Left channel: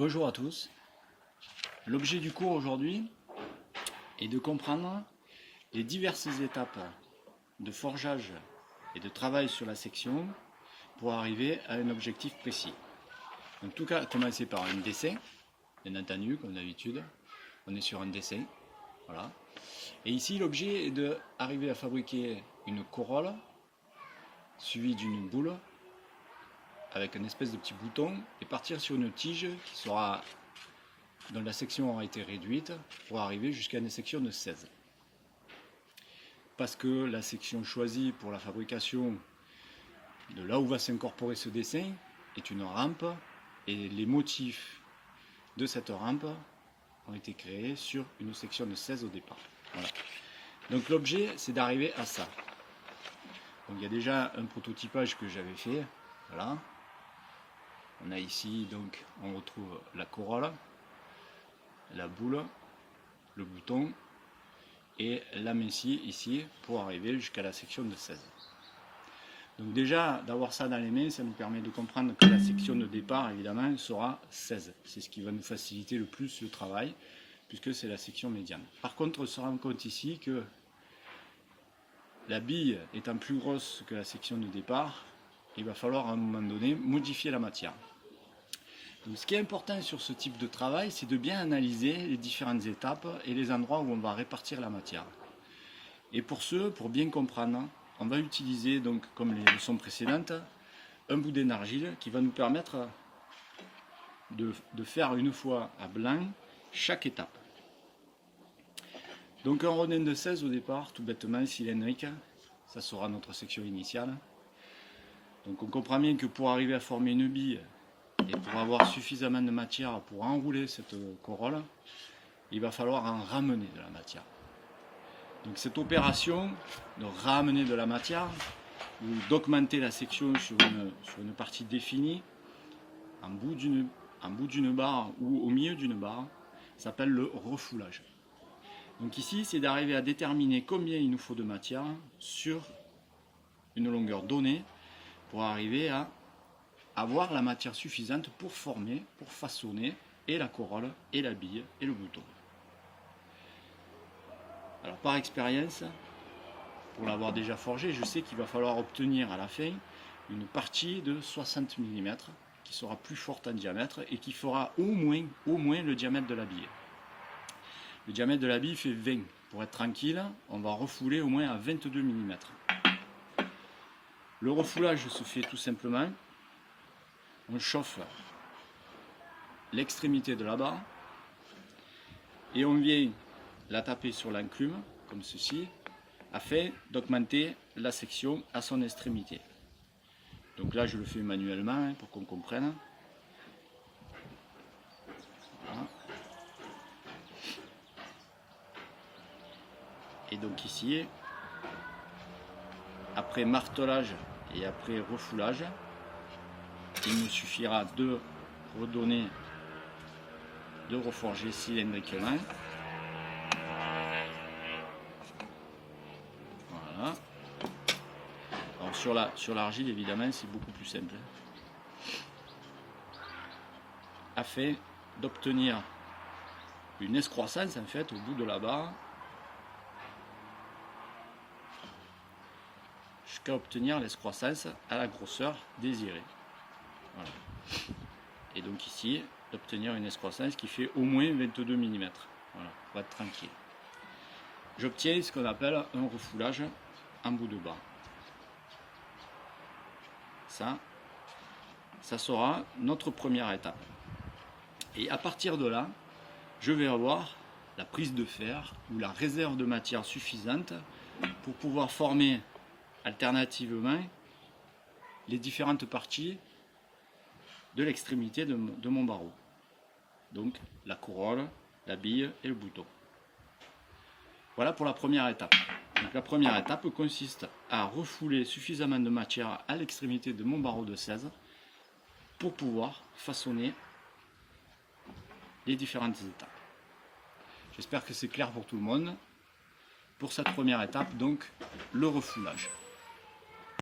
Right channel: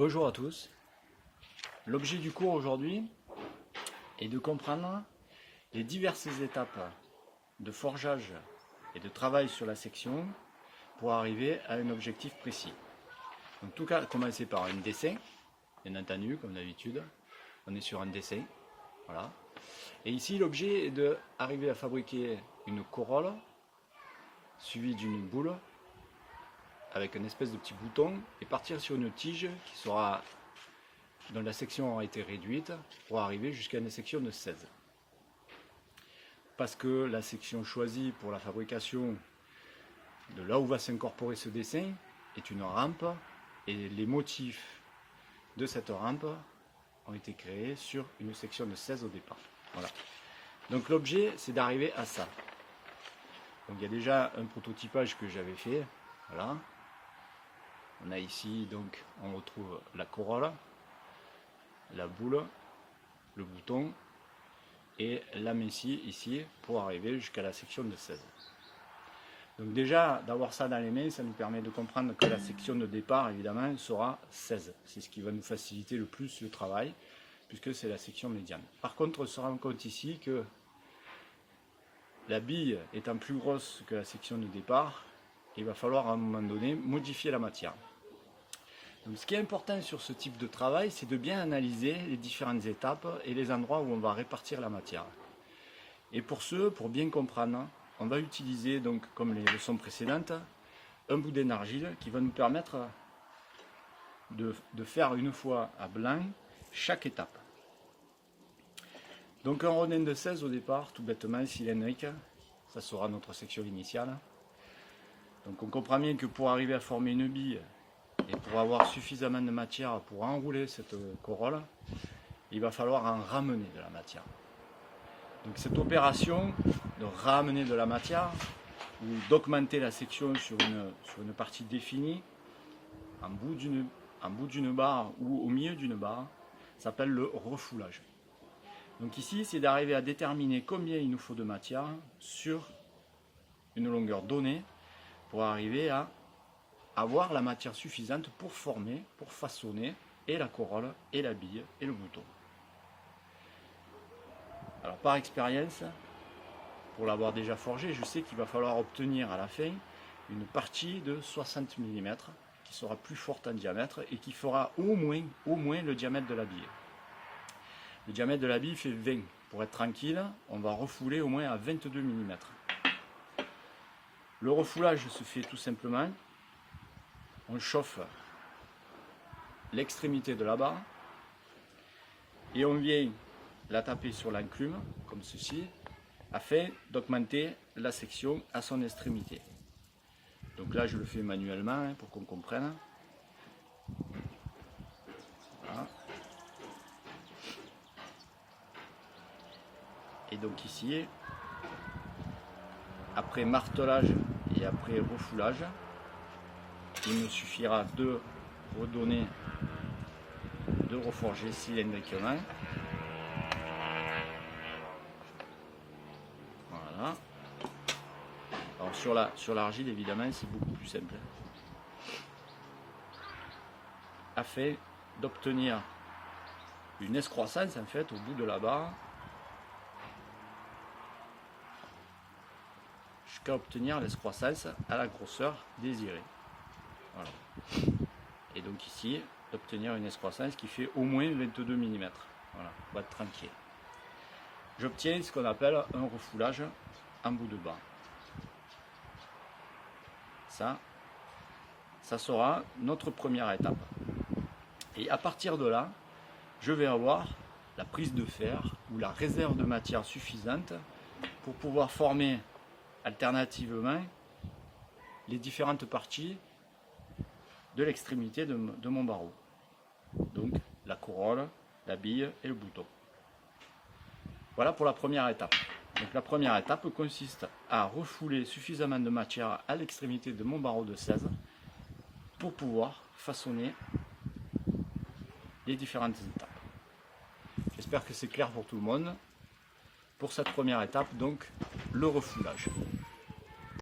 Bonjour à tous. L'objet du cours aujourd'hui est de comprendre les diverses étapes de forgeage et de travail sur la section pour arriver à un objectif précis. Donc tout cas, commencer par un dessin, bien entendu, comme d'habitude. On est sur un dessin. Voilà. Et ici, l'objet est d'arriver à fabriquer une corolle suivie d'une boule avec une espèce de petit bouton et partir sur une tige dont la section aura été réduite pour arriver jusqu'à une section de 16. Parce que la section choisie pour la fabrication de là où va s'incorporer ce dessin est une rampe et les motifs de cette rampe ont été créés sur une section de 16 au départ. Voilà. Donc l'objet, c'est d'arriver à ça. Donc il y a déjà un prototypage que j'avais fait. Voilà. On a ici, donc, on retrouve la corolle, la boule, le bouton et la messie ici pour arriver jusqu'à la section de 16. Donc déjà, d'avoir ça dans les mains, ça nous permet de comprendre que la section de départ, évidemment, sera 16. C'est ce qui va nous faciliter le plus le travail, puisque c'est la section médiane. Par contre, on se rend compte ici que la bille étant plus grosse que la section de départ, il va falloir à un moment donné modifier la matière. Donc, ce qui est important sur ce type de travail, c'est de bien analyser les différentes étapes et les endroits où on va répartir la matière. Et pour pour bien comprendre, on va utiliser, donc, comme les leçons précédentes, un boudin d'argile qui va nous permettre de faire une fois à blanc chaque étape. Donc un rodin de 16 au départ, tout bêtement cylindrique, ça sera notre section initiale. Donc on comprend bien que pour arriver à former une bille et pour avoir suffisamment de matière pour enrouler cette corolle, il va falloir en ramener de la matière. Donc cette opération de ramener de la matière ou d'augmenter la section sur une partie définie en bout d'une barre ou au milieu d'une barre s'appelle le refoulage. Donc ici, c'est d'arriver à déterminer combien il nous faut de matière sur une longueur donnée pour arriver à avoir la matière suffisante pour former, pour façonner et la corolle, et la bille, et le bouton. Alors par expérience, pour l'avoir déjà forgé, je sais qu'il va falloir obtenir à la fin une partie de 60 mm qui sera plus forte en diamètre et qui fera au moins le diamètre de la bille. Le diamètre de la bille fait 20. Pour être tranquille, on va refouler au moins à 22 mm. Le refoulage se fait tout simplement, on chauffe l'extrémité de la barre et on vient la taper sur l'enclume, comme ceci, afin d'augmenter la section à son extrémité. Donc là, je le fais manuellement pour qu'on comprenne. Voilà. Et donc ici, après martelage et après refoulage, il me suffira de reforger cylindriquement. Voilà. Alors sur l'argile, évidemment, c'est beaucoup plus simple. Afin d'obtenir une excroissance, en fait, au bout de la barre, jusqu'à obtenir l'excroissance à la grosseur désirée. Voilà. Et donc ici, obtenir une excroissance qui fait au moins 22 mm. Voilà, on va être tranquille. J'obtiens ce qu'on appelle un refoulage en bout de barre. Ça sera notre première étape. Et à partir de là, je vais avoir la prise de fer ou la réserve de matière suffisante pour pouvoir former alternativement les différentes parties de l'extrémité de mon barreau. Donc la corolle, la bille et le bouton. Voilà pour la première étape. Donc la première étape consiste à refouler suffisamment de matière à l'extrémité de mon barreau de 16 pour pouvoir façonner les différentes étapes. J'espère que c'est clair pour tout le monde. Pour cette première étape, donc, le refoulage.